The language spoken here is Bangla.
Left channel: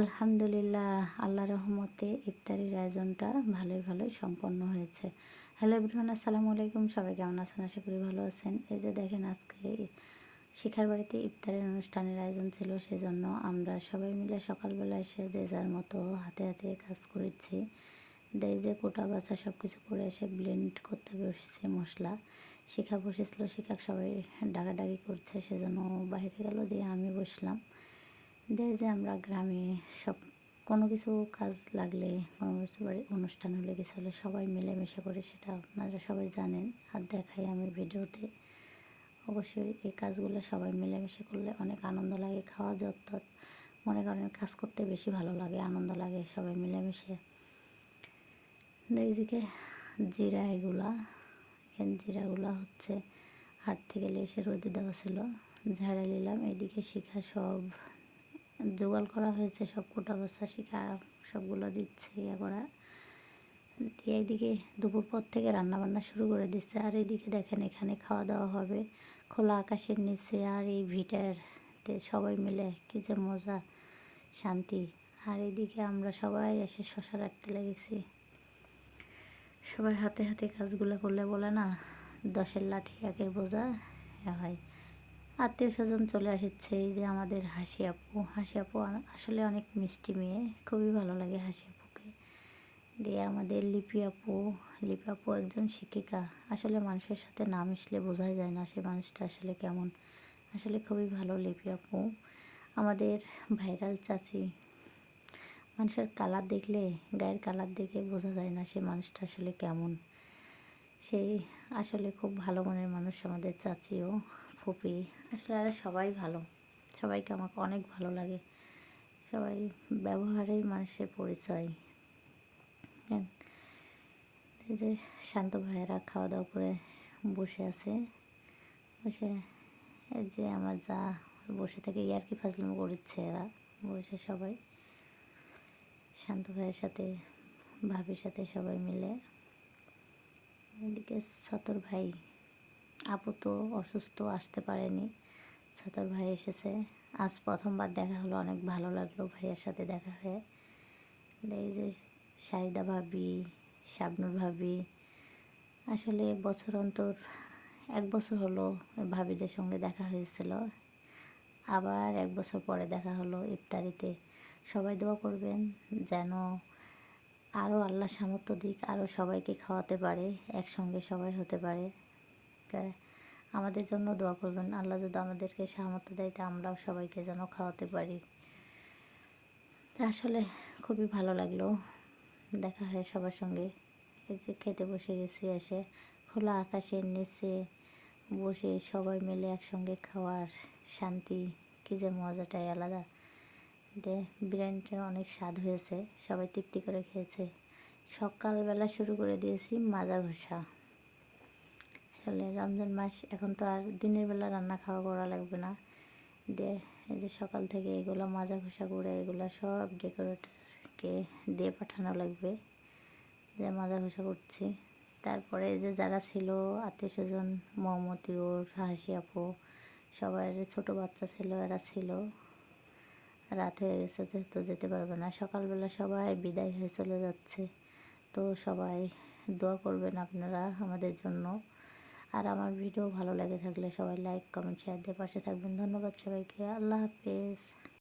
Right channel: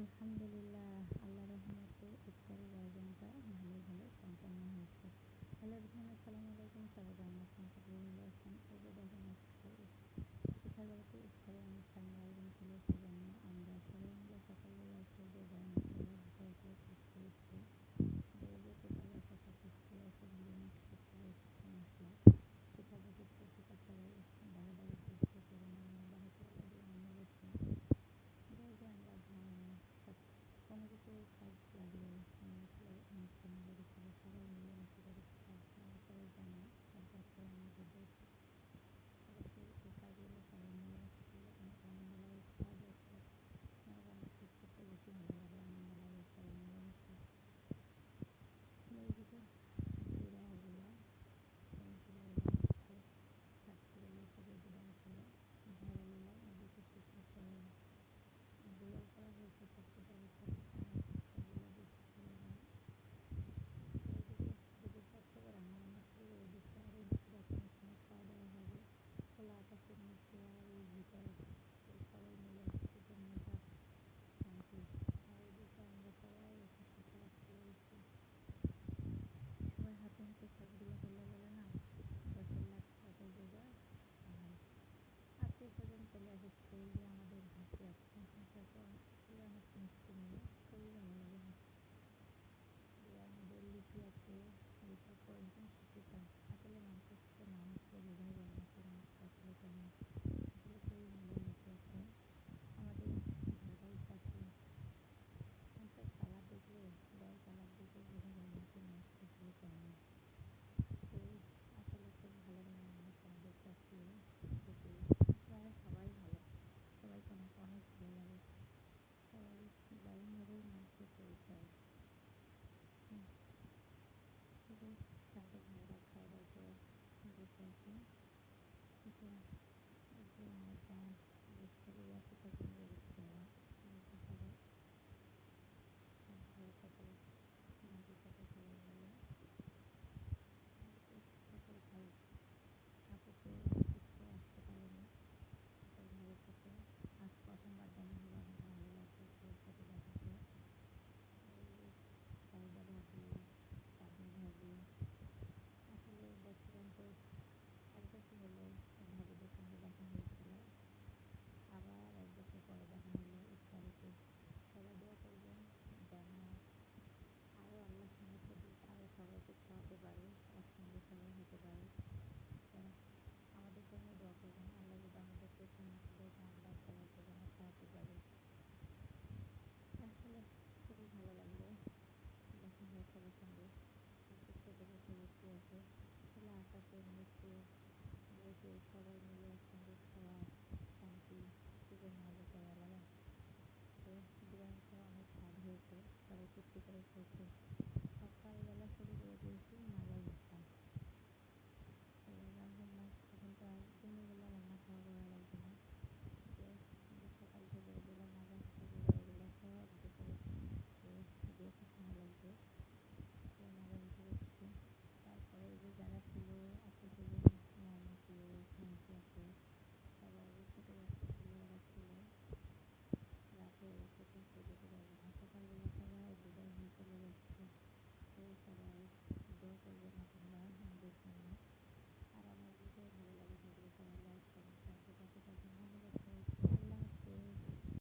আলহামদুলিল্লাহ, আল্লাহর রহমতে ইফতারির আয়োজনটা ভালোই সম্পন্ন হয়েছে। হ্যালো এভরিওয়ান, আসসালামু আলাইকুম। সবাই কেমন আছেন? আশা করি ভালো আছেন। এই যে দেখেন, আজকে শিখার বাড়িতে ইফতারের অনুষ্ঠানের আয়োজন ছিল, সেজন্য আমরা সবাই মিলে সকালবেলা এসে যে যার মতো হাতে হাতে কাজ করেছি। এই যে কোটা বাছা সব কিছু করে এসে ব্লেন্ড করতে বসেছে মশলা। শিখা বসেছিল, শিখাক সবাই ডাকাডাকি করছে, সেজন্য বাইরে গেল, দিয়ে আমি বসলাম। দেয় যে আমরা গ্রামে সব কোনো কিছু কাজ লাগলে, কোনো কিছু বাড়ি অনুষ্ঠান হলে, কিছু হলে সবাই মিলেমিশে করে, সেটা আপনারা সবাই জানেন আর দেখাই আমি ভিডিওতে। অবশ্যই এই কাজগুলো সবাই মিলেমিশে করলে অনেক আনন্দ লাগে। খাওয়া যত মনে করেন কাজ করতে বেশি ভালো লাগে, আনন্দ লাগে সবাই মিলেমিশে। এইদিকে জিরা, এখানে জিরাগুলো হচ্ছে হাট থেকে এসে রোদে দেওয়া ছিল, ঝাড়া নিলাম। এদিকে শিখা সব জোগাড় করা হয়েছে, সব কোটা বসা শিখা সবগুলো দিচ্ছে ইয়ে করা দিয়ে। এইদিকে দুপুর পর থেকে রান্নাবান্না শুরু করে দিচ্ছে। আর এইদিকে দেখেন, এখানে খাওয়া দাওয়া হবে খোলা আকাশের নিচে, আর এই ভিটারতে সবাই মিলে কী যে মজা, শান্তি। আর এইদিকে আমরা সবাই এসে শশা কাটতে লেগেছি। সবাই হাতে হাতে কাজগুলো করলে বলে না, 10-এর লাঠি 1-এর বোঝা হয়। আত্মীয় স্বজন চলে আসছে। এই যে আমাদের হাসি আপু আসলে অনেক মিষ্টি মেয়ে, খুবই ভালো লাগে হাসি আপুকে। দিয়ে আমাদের লিপি আপু একজন শিক্ষিকা। আসলে মানুষের সাথে না মিশলে বোঝাই যায় না সে মানুষটা আসলে কেমন। আসলে খুবই ভালো লিপি আপু। আমাদের ভাইরাল চাচি, মানুষের কালার দেখলে, গায়ের কালার দেখে বোঝা যায় না সে মানুষটা আসলে কেমন। সেই আসলে খুব ভালো মনের মানুষ আমাদের চাচিও, ফুপি। আসলে এরা সবাই ভালো, সবাইকে আমাকে অনেক ভালো লাগে। সবাই ব্যবহারেই মানুষের পরিচয়। হ্যাঁ, এই যে শান্ত ভাইয়েরা খাওয়া দাওয়া করে বসে আছে। বসে এই যে আমার যা বসে থেকে ইয়ার্কি ফাজলামো করছে, এরা বসে সবাই শান্ত ভাইয়ের সাথে, ভাবির সাথে সবাই মিলে। এদিকে সতর ভাই, আপু তো অসুস্থ, আসতে পারেনি। সতর ভাই এসেছে, আজ প্রথমবার দেখা হলো, অনেক ভালো লাগলো ভাইয়ের সাথে দেখা হয়ে। এই যে শাহিদা ভাবি, শাবনুর ভাবি, আসলে বছর অন্তর 1 বছর হলো ভাবিদের সঙ্গে দেখা হয়েছিল, আবার 1 বছর পরে দেখা হলো ইফতারিতে। সবাই দোয়া করবেন যেন আরও আল্লাহ সামর্থ্য দিক, আরও সবাইকে খাওয়াতে পারে, একসঙ্গে সবাই হতে পারে। আমাদের জন্য দোয়া করবেন, আল্লাহ যদি আমাদেরকে সামর্থ্য দেয় তা আমরাও সবাইকে যেন খাওয়াতে পারি। আসলে খুবই ভালো লাগলো দেখা হয় সবার সঙ্গে। এই যে খেতে বসে গেছি, এসে খোলা আকাশের নিচে বসে সবাই মিলে একসঙ্গে খাওয়ার শান্তি, কী যে মজাটাই আলাদা। বিরিয়ানিটা অনেক স্বাদ হয়েছে, সবাই তৃপ্তি করে খেয়েছে। সকালবেলা শুরু করে দিয়েছি মাজা ঘষা। আসলে রমজান মাস, এখন তো আর দিনের বেলা রান্না খাওয়া করা লাগবে না। দিয়ে এই যে সকাল থেকে এগুলো মাজা ঘষা করে এগুলো সব ডেকোরেটরকে দিয়ে পাঠানো লাগবে, যে মাজা ঘষা করছি। তারপরে এই যে যারা ছিল আত্মীয় স্বজন, মমতিউর, হাসি আপু, সবার ছোটো বাচ্চা ছিল, এরা ছিল। রাত হয়ে গেছে যেহেতু যেতে পারবে না, সকালবেলা সবাই বিদায় হয়ে চলে যাচ্ছে। তো সবাই দোয়া করবেন আপনারা আমাদের জন্য। আর আমার ভিডিও ভালো লেগে থাকলে সবাই লাইক, কমেন্ট, শেয়ার দিয়ে পাশে থাকবেন। ধন্যবাদ সবাইকে। আল্লাহ হাফেজ।